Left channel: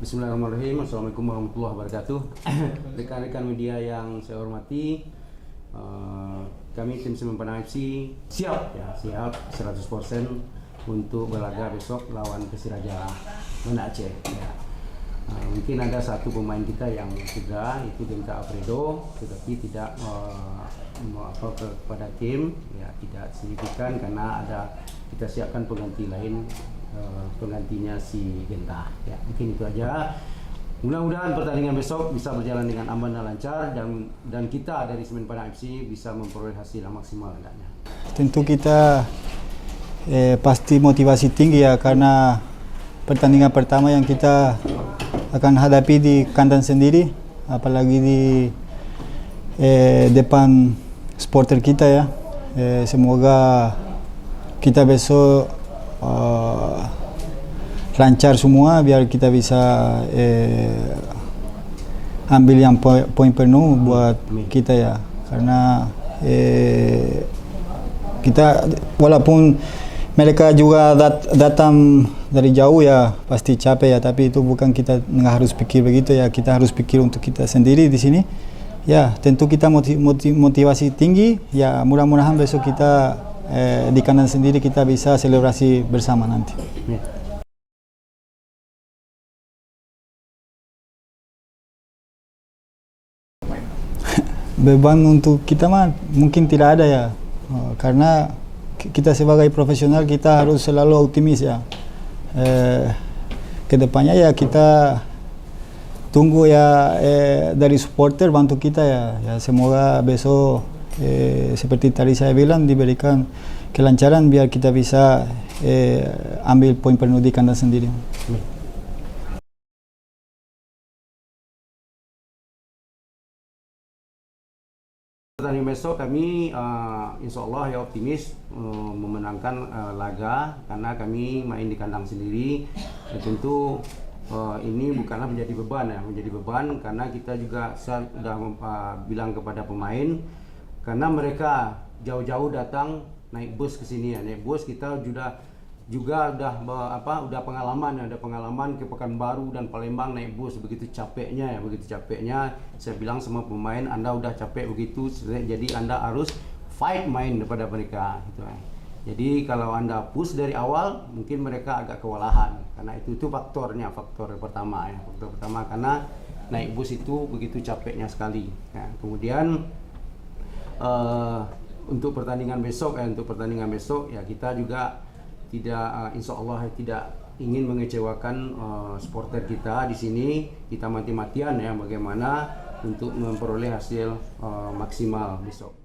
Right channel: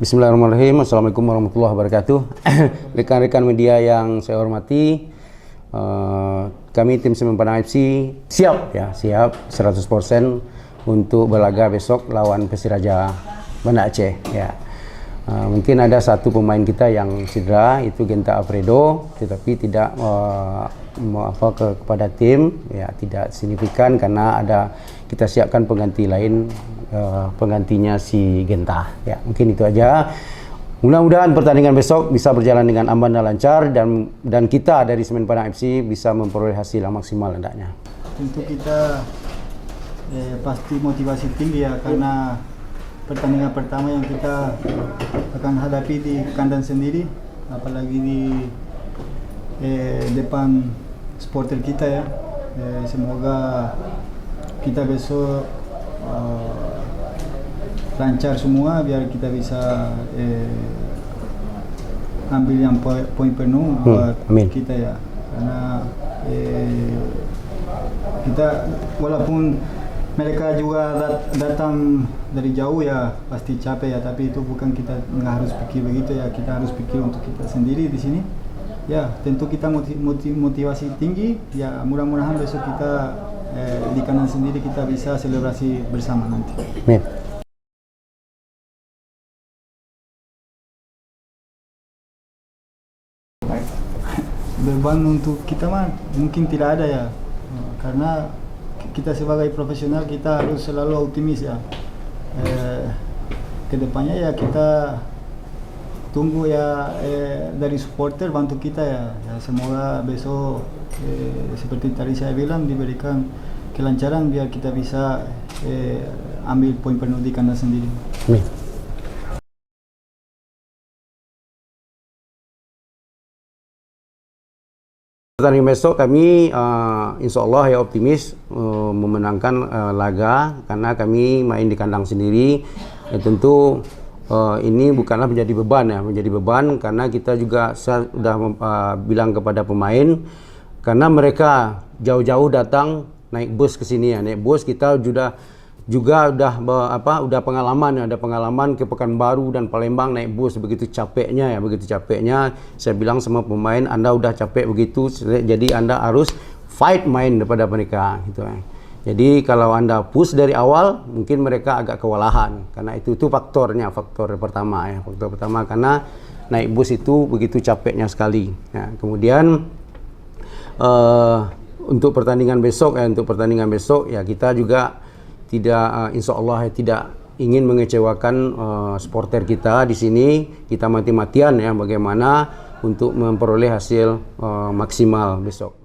Bismillahirrahmanirrahim. Assalamualaikum warahmatullahi wabarakatuh. Rekan-rekan media yang saya hormati, kami tim Semen Padang FC siap 100% untuk berlaga besok lawan Persiraja Banda Aceh ya. Mungkin ada satu pemain kita yang cedera, itu Genta Alfredo, tetapi tidak kepada tim ya, tidak signifikan karena ada kita siapkan pengganti lain, penggantinya si Genta ya. Mungkin itu aja. Mudah-mudahan pertandingan besok bisa berjalan dengan aman dan lancar, dan kita dari Semen Padang FC bisa memperoleh hasil yang maksimal hendaknya. Tentu kita pasti motivasi tinggi ya, karena pertandingan pertama yang kita akan hadapi di kandang sendiri, apalagi di depan supporter kita ya. Semoga kita besok lancar semua biar kita bisa ambil yang poin penuh buat kita ya, karena kita walaupun mereka juga datang dari jauh ya, pasti capek ya, tapi itu bukan kita nggak harus pikir begitu ya, kita harus pikir untuk kita sendiri di sini ya. Tentu kita motivasi tinggi ya, mudah-mudahan besok kita di kandang sendiri kita bisa selebrasi bersama nanti. Amin. Beban untuk kita mah mungkin tidak ada ya, karena kita sebagai profesional kita harus selalu optimis ya. Kedepannya ya kita tunggu ya dari supporter bantu kita ya. Semoga besok seperti tadi saya bilang diberikan kelancaran biar kita bisa ambil poin penuh di kandang sendiri. Amin. Pertandingan besok kami insya Allah ya optimis memenangkan laga, karena kami main di kandang sendiri. Dan tentu ini bukanlah menjadi beban karena kita juga sudah bilang kepada pemain, karena mereka jauh-jauh datang naik bus ke sini ya, naik bus. Kita juga udah pengalaman ke Pekanbaru dan Palembang naik bus, begitu capeknya. Saya bilang sama pemain, Anda udah capek begitu, jadi Anda harus fight main daripada mereka gitu. Jadi kalau Anda push dari awal, mungkin mereka agak kewalahan, karena itu faktor pertama ya. Faktor pertama karena naik bus itu begitu capeknya sekali. Nah, kemudian untuk pertandingan besok ya kita juga tidak, insya Allah tidak ingin mengecewakan supporter kita di sini. Kita mati-matian ya bagaimana untuk memperoleh hasil maksimal besok.